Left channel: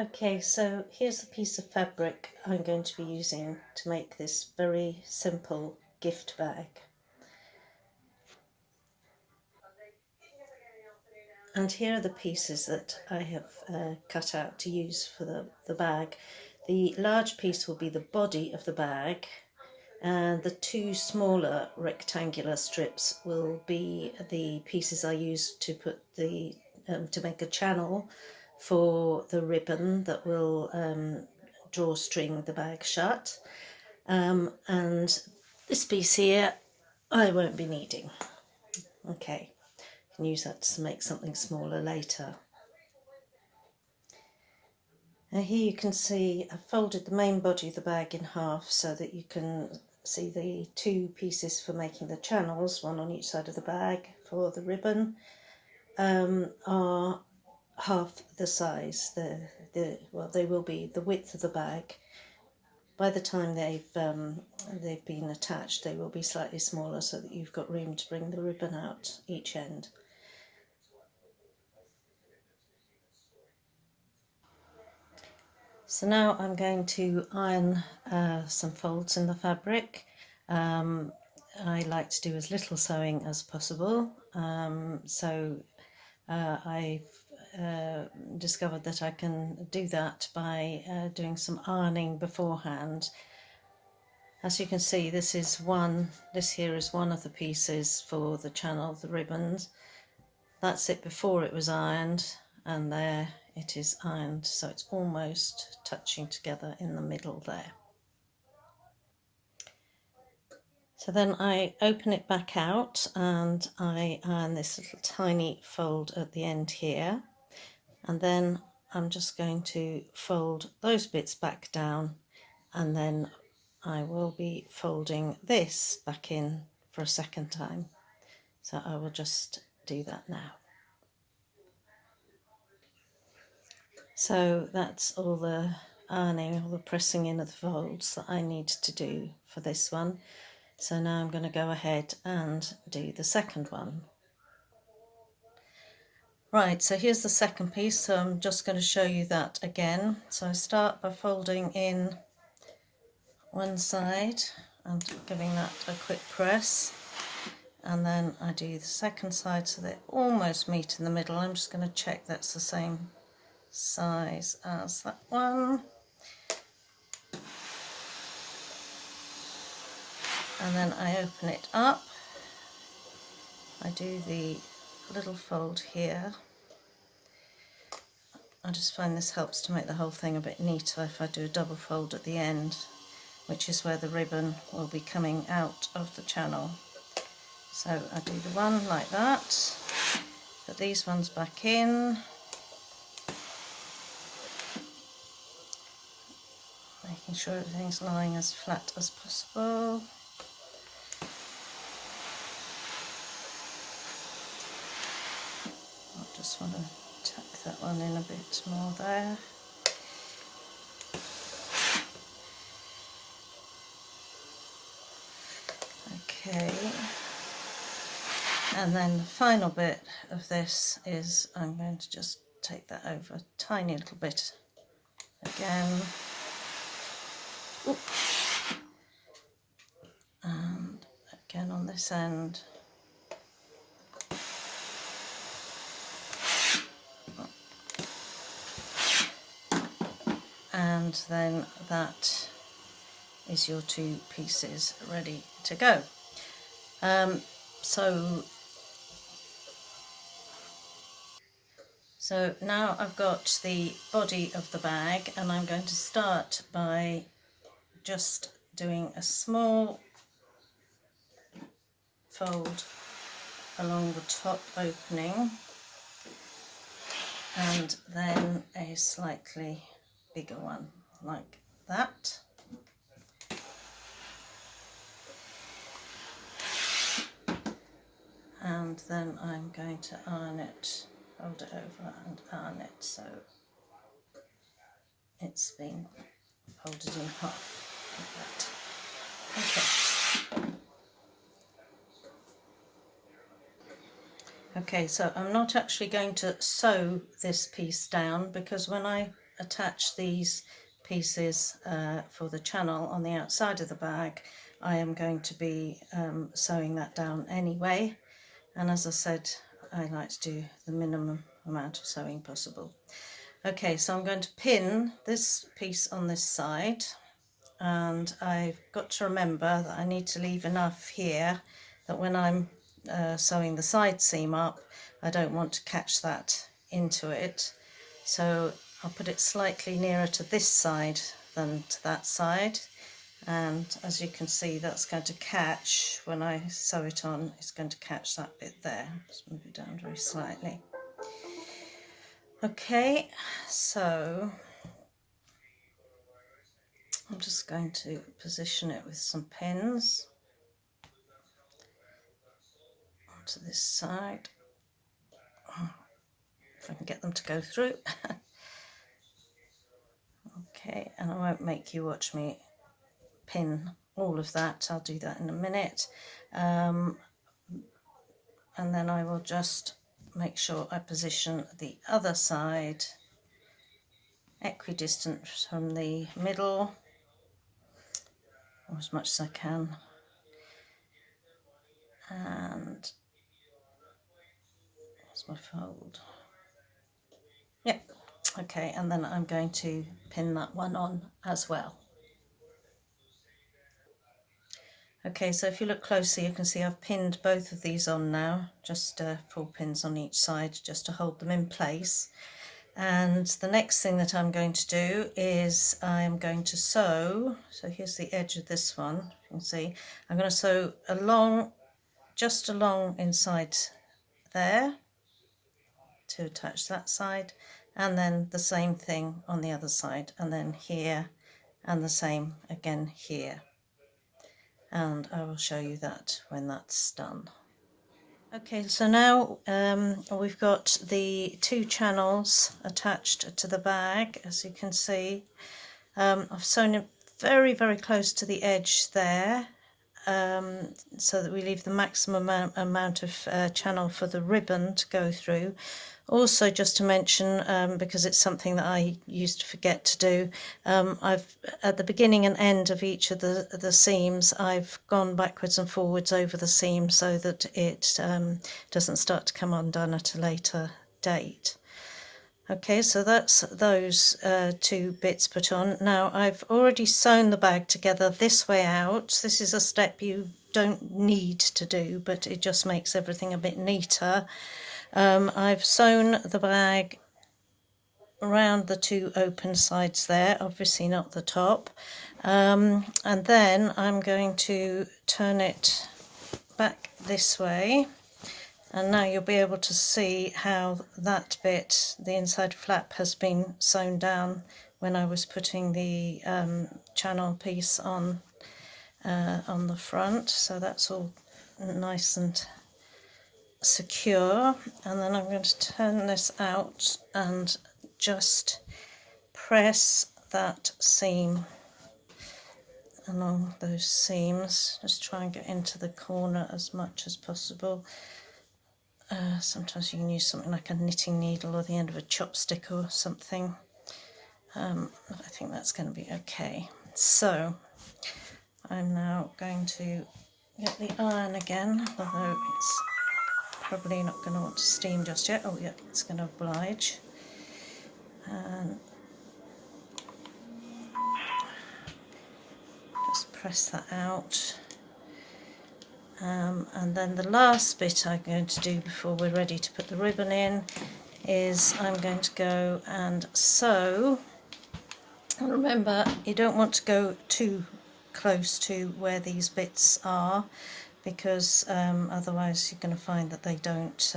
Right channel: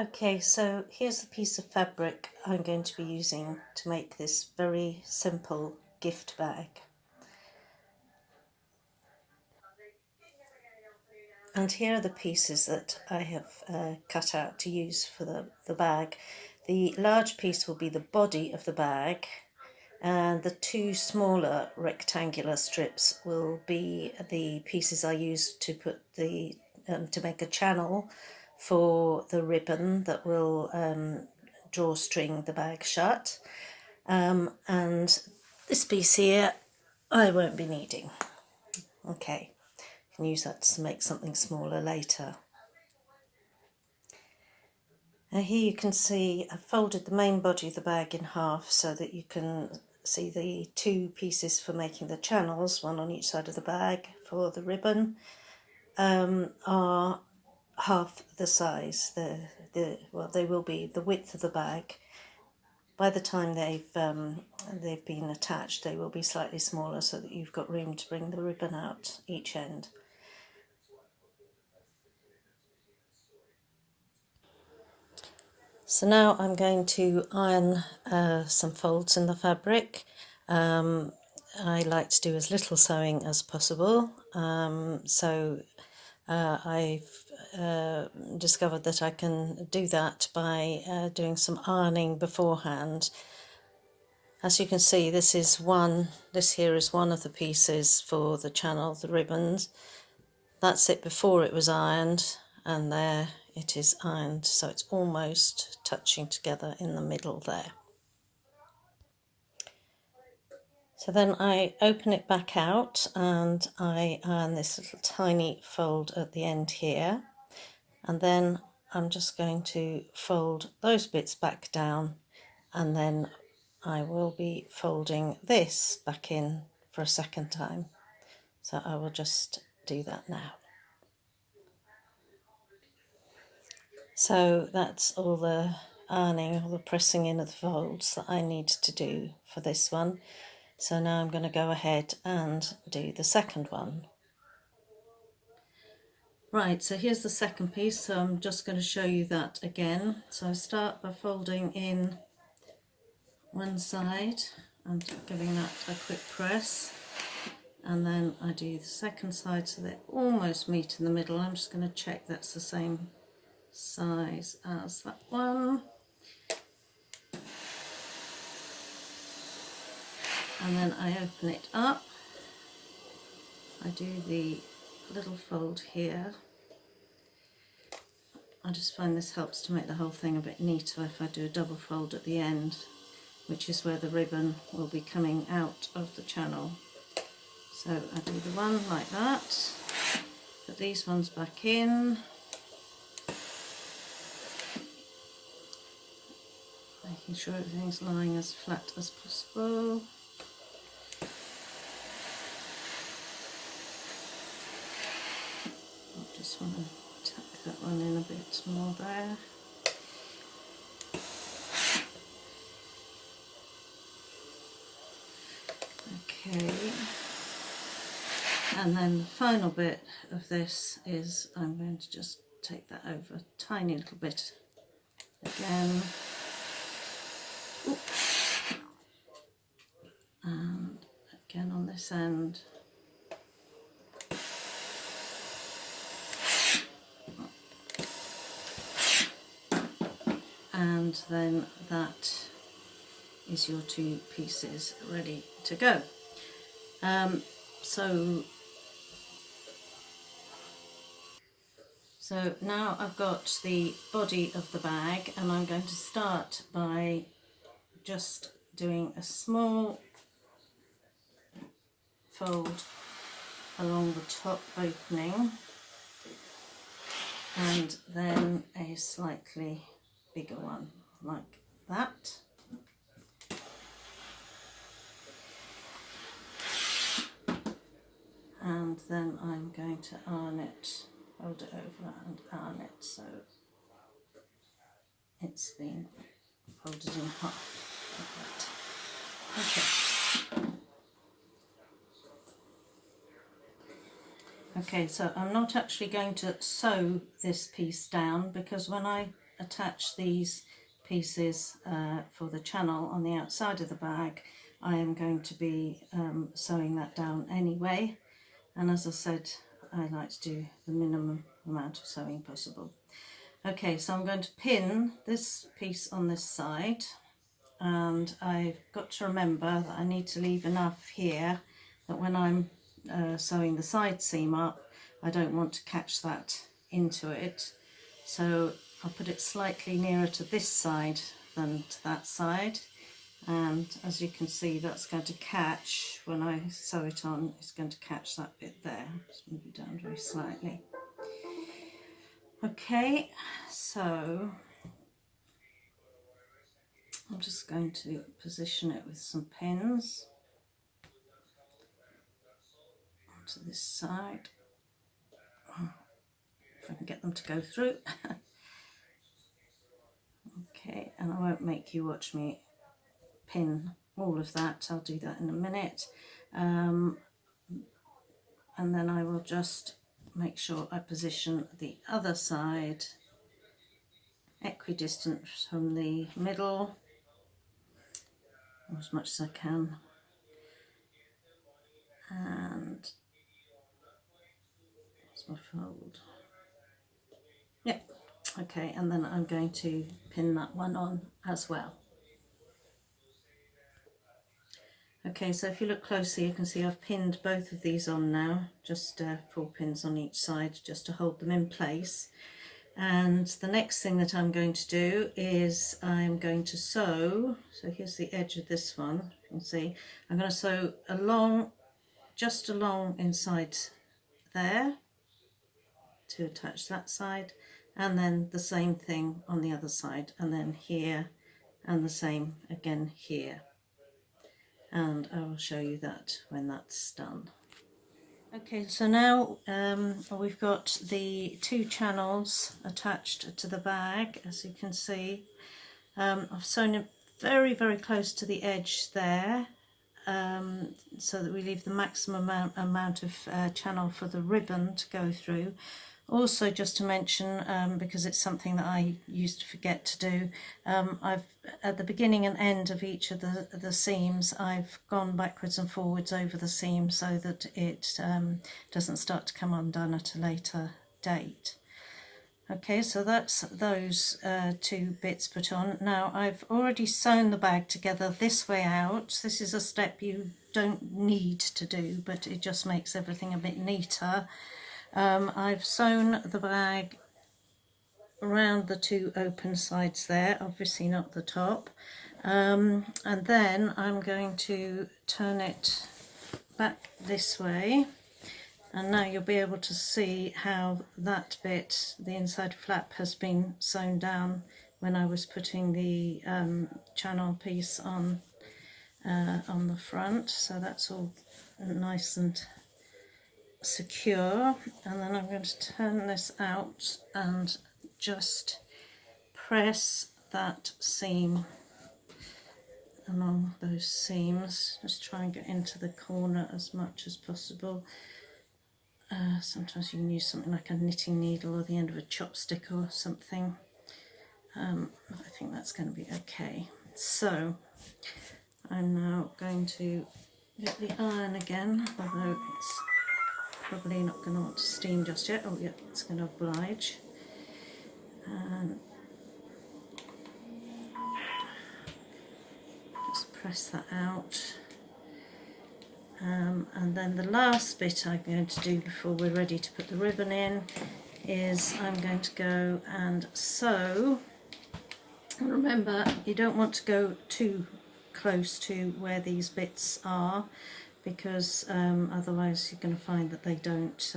Okay, so here's the piece of fabric I'm going to be using to make this very simple gift bag. And here are the pieces that I have cut out to use for the bag. The large piece will be the body of the bag, and the two smaller rectangular strips will be the pieces I use to put the to make a channel for the ribbon that will drawstring the bag shut. And this piece here I won't be needing. Okay, you can use that to make something smaller later. Now here you can see I've folded the main body of the bag in half so that you can see the two pieces for making the channels, one on each side of the bag for the ribbon, are half the size. They will be the width of the bag. By the time they've been attached, they will be slightly smaller so that you've got room to bring the ribbon out each end. So now I'm going to iron some folds in the fabric. I like to do as little sewing as possible, I've discovered that I can do that by doing some ironing beforehand. As you can see, this here is one of the pieces for the channel, the ribbons. That's it before it was ironed, and there it is ironed, so it's almost touching together in the middle there. So then I open it back out and I iron this little tiny fold at the end here, and then I'm just going to fold those bits back down, and then I will be folding this back in for a second time. So I will just do that now. So that's all the ironing, all the pressing in of the folds that I need to do for this one. So now I'm going to go ahead and do the second one. Right, so here's the second piece, so I'm just going to show you that again. So I start by folding in one side and giving that a quick press, and then I do the second side so they almost meet in the middle. I'm just going to check that's the same size as that one. And then I open it up, I do the little fold here. I just find this helps to make the whole thing a bit neater if I do a double fold at the end, which is where the ribbon will be coming out of the channel. So I do the one like that, put these ones back in, making sure everything's lying as flat as possible. I just want to tuck that one in a bit more there. Okay, and then the final bit of this is I'm going to just take that over a tiny little bit again. Oop. And again on this end. And then that is your two pieces ready to go. So now I've got the body of the bag, and I'm going to start by just doing a small fold along the top opening, and then a slightly bigger one like that. And then I'm going to iron it, fold it over and iron it so it's been folded in half like that. Okay, so I'm not actually going to sew this piece down, because when I attach these pieces for the channel on the outside of the bag, I am going to be sewing that down anyway. And as I said, I like to do the minimum amount of sewing possible. Okay, so I'm going to pin this piece on this side, and I've got to remember that I need to leave enough here that when I'm sewing the side seam up, I don't want to catch that into it. So I'll put it slightly nearer to this side than to that side, and as you can see, that's going to catch, when I sew it on, it's going to catch that bit there. Just move it down very slightly. Okay, so I'm just going to position it with some pins onto this side, if I can get them to go through. Okay, and I won't make you watch me pin all of that, I'll do that in a minute. And then I will just make sure I position the other side equidistant from the middle, or as much as I can. And that's my fold. Yep, okay, and then I'm going to pin that one on as well. Okay, so if you look closely, you can see I've pinned both of these on now, just 4 pins on each side just to hold them in place. And the next thing that I'm going to do is I'm going to sew, so here's the edge of this one, you can see, I'm going to sew along, just along inside there to attach that side, and then the same thing on the other side, and then here, and the same again here. And I will show you that when that's done. Okay, so now we've got the 2 channels attached to the bag, as you can see. I've sewn it very, very close to the edge there, so that we leave the maximum amount of channel for the ribbon to go through. Also, just to mention, because it's something that I used to forget to do, I've at the beginning and end of each of the seams, I've gone backwards and forwards over the seam so that it doesn't start to come undone at a later date. Okay, so that's those 2 bits put on. Now I've already sewn the bag together this way out. This is a step you don't need to do, but it just makes everything a bit neater. I've sewn the bag around the 2 open sides there, obviously not the top, and then I'm going to turn it back this way, and now you'll be able to see how that bit, the inside flap, has been sewn down when I was putting the channel piece on the front. So that's all nice and secure. And then I'm going to turn this out and just press that seam along those seams. Just try and get into the corner as much as possible. Sometimes you can use something like a knitting needle or the end of a chopstick or something, but I think that's going to be okay. So I'm now going to get the iron again, although it's probably not going to want to steam just yet. Oh yeah, it's going to oblige. And just press that out. And then the last bit I'm going to do before we're ready to put the ribbon in is I'm going to go and sew. And remember, you don't want to go too close to where these bits are, because otherwise you're going to find that they don't,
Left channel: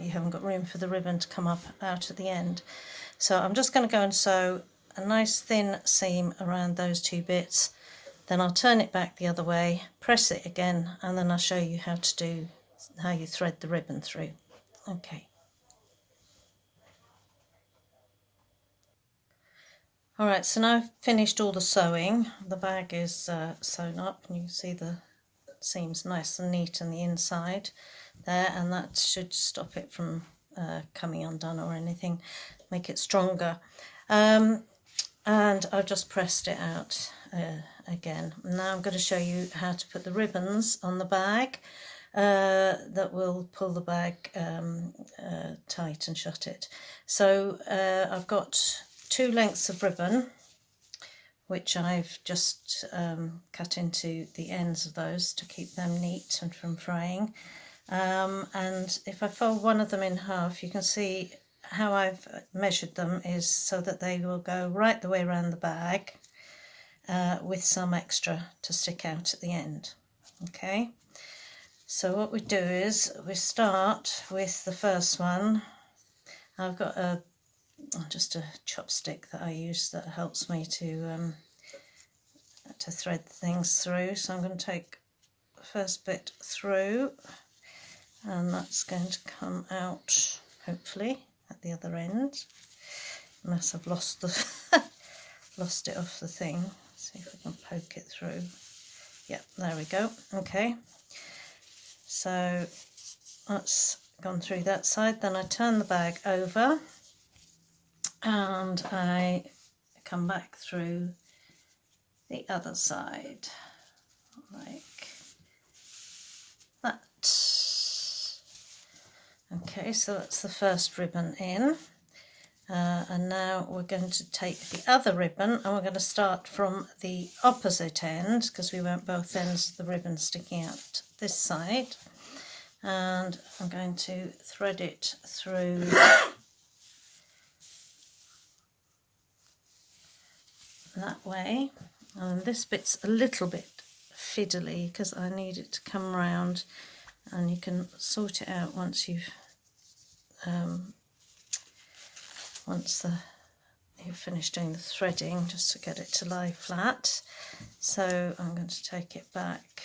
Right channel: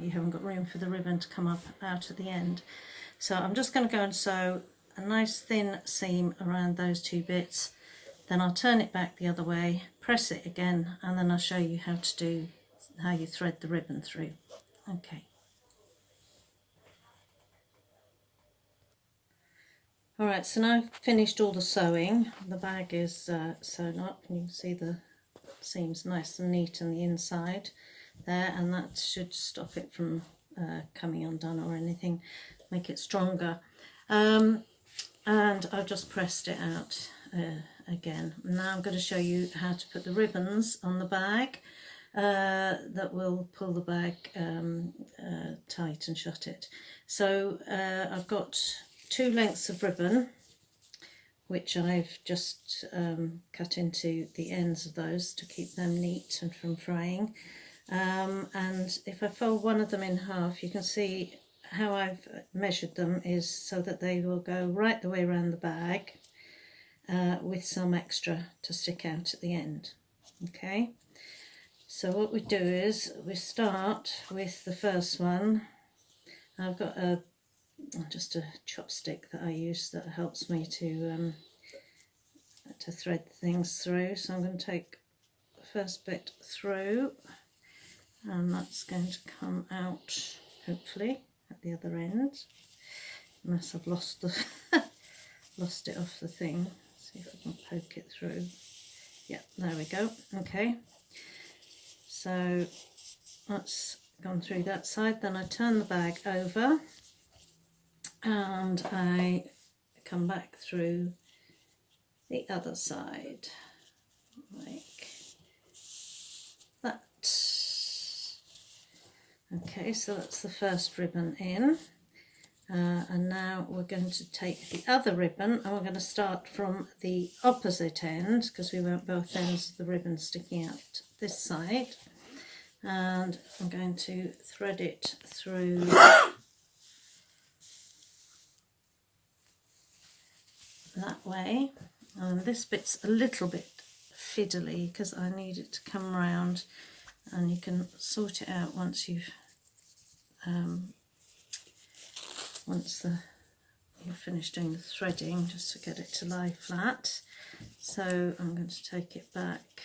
you haven't got room for the ribbon to come up out at the end. So I'm just going to go and sew a nice thin seam around those 2 bits. Then I'll turn it back the other way, press it again, and then I'll show you how you thread the ribbon through. Okay. Alright, so now I've finished all the sewing. The bag is sewn up, and you can see the seams nice and neat on the inside there, and that should stop it from coming undone or anything, make it stronger. And I've just pressed it out again. Now I'm going to show you how to put the ribbons on the bag that will pull the bag tight and shut it. So I've got 2 lengths of ribbon, which I've just cut into the ends of those to keep them neat and from fraying. And if I fold one of them in half, you can see how I've measured them is so that they will go right the way around the bag with some extra to stick out at the end. Okay, so what we do is we start with the first one. I've got just a chopstick that I use that helps me to thread things through. So I'm going to take the first bit through, and that's going to come out hopefully at the other end, unless I've lost lost it off the thing. See if I can poke it through. Yep, there we go. Okay, so that's gone through that side. Then I turn the bag over and I come back through the other side like that. Okay, so that's the first ribbon in, and now we're going to take the other ribbon and we're going to start from the opposite end, because we want both ends of the ribbon sticking out this side, and I'm going to thread it through that way. And this bit's a little bit fiddly because I need it to come round, and you can sort it out once you've you've finished doing the threading, just to get it to lie flat. So I'm going to take it back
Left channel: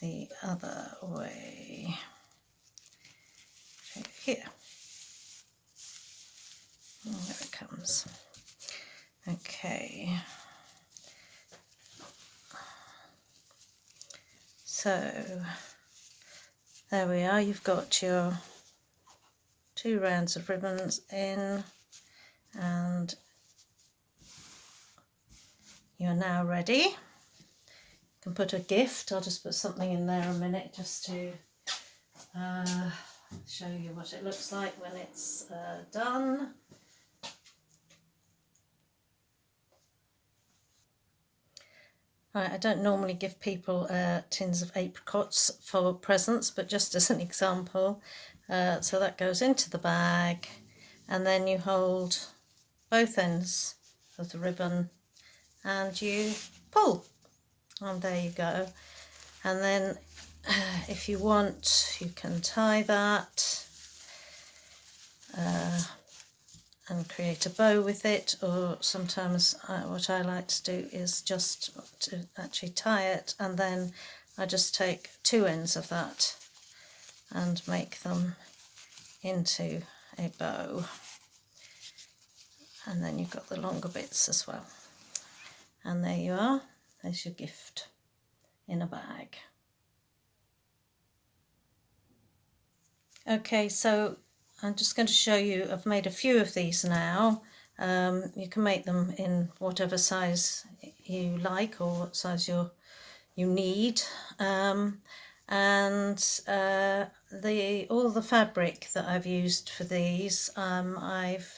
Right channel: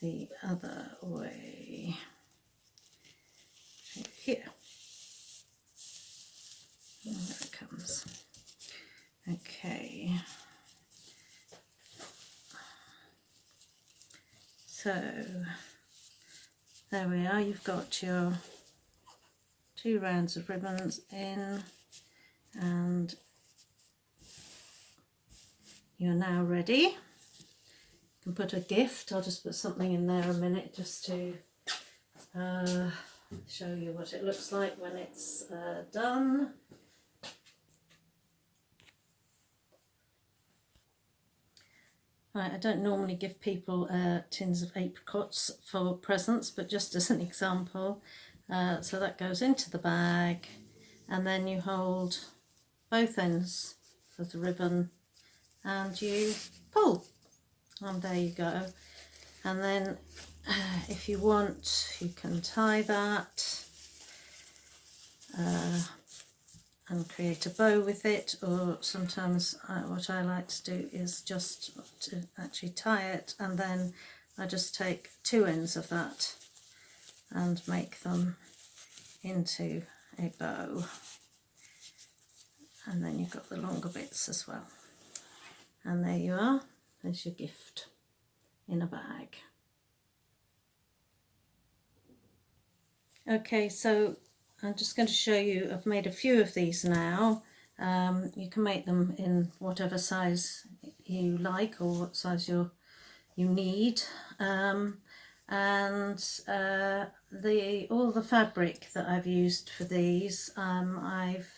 the other way to here. And there it comes. Okay, so there we are. You've got your 2 rounds of ribbons in, and you're now ready. You can put a gift. I'll just put something in there a minute just to show you what it looks like when it's done. Right, I don't normally give people tins of apricots for presents, but just as an example. So that goes into the bag, and then you hold both ends of the ribbon and you pull, and there you go. And then if you want, you can tie that and create a bow with it, or sometimes what I like to do is just to actually tie it, and then I just take 2 ends of that and make them into a bow, and then you've got the longer bits as well. And there you are, there's your gift in a bag. Okay, so I'm just going to show you, I've made a few of these now. You can make them in whatever size you like, or what size you need. All the fabric that I've used for these, I've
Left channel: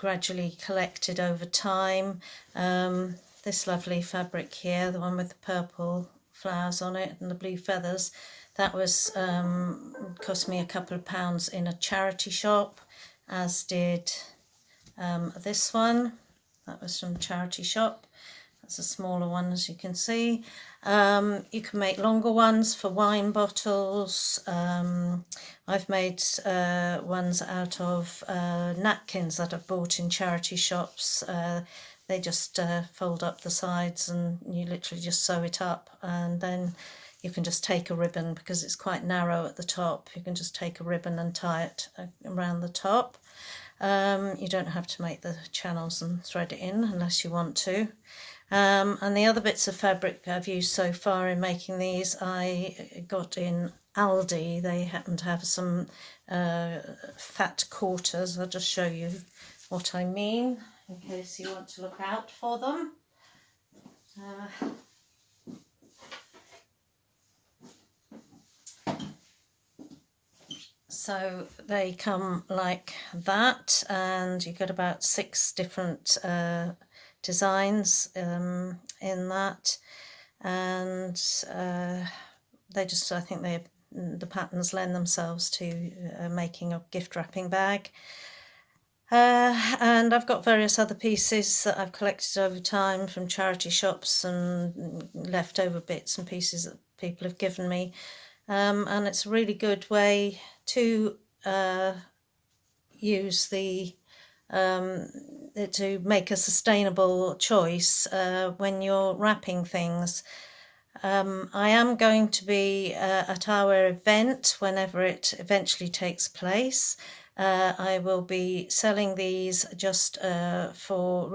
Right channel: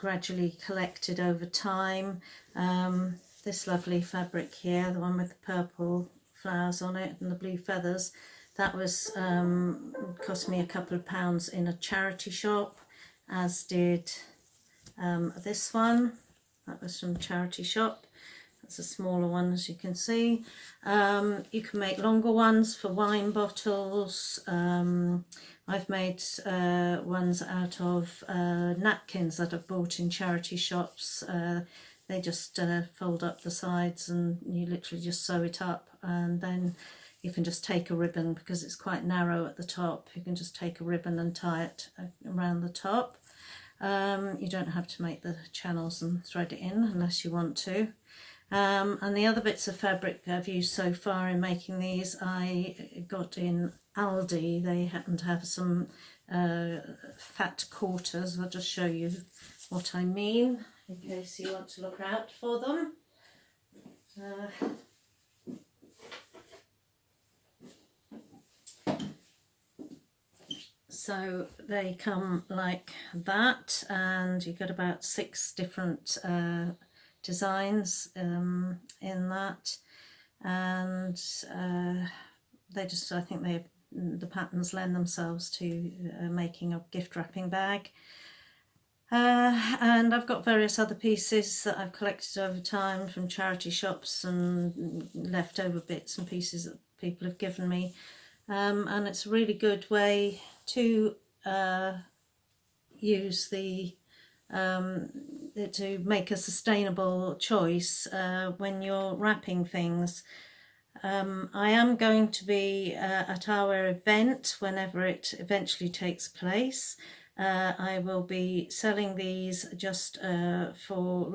gradually collected over time. This lovely fabric here, the one with the purple flowers on it and the blue feathers, that was cost me a couple of pounds in a charity shop, as did this one. That was from a charity shop. That's a smaller one, as you can see. You can make longer ones for wine bottles. I've made ones out of napkins that I've bought in charity shops. They just fold up the sides and you literally just sew it up, and then you can just take a ribbon, because it's quite narrow at the top. You can just take a ribbon and tie it around the top. You don't have to make the channels and thread it in unless you want to. And the other bits of fabric I've used so far in making these, I got in Aldi. They happen to have some fat quarters. I'll just show you what I mean in case you want to look out for them. So they come like that, and you get about 6 different designs in that, and they just, I think the patterns lend themselves to making a gift wrapping bag. And I've got various other pieces that I've collected over time from charity shops and leftover bits and pieces that people have given me. And it's a really good way to use to make a sustainable choice when you're wrapping things. I am going to be at our event whenever it eventually takes place. I will be selling these just for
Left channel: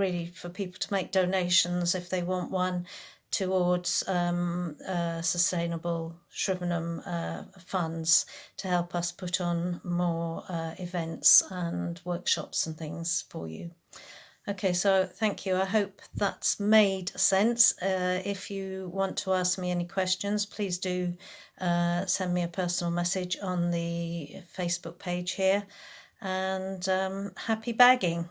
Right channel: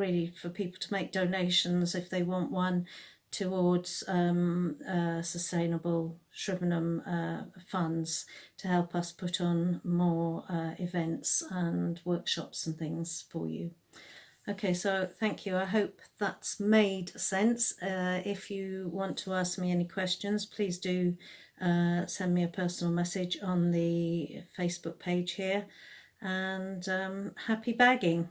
people to make donations if they want one towards sustainable Shrivenham funds to help us put on more events and workshops and things for you. Okay, so thank you. I hope that's made sense. If you want to ask me any questions, please do send me a personal message on the Facebook page here. And happy bagging.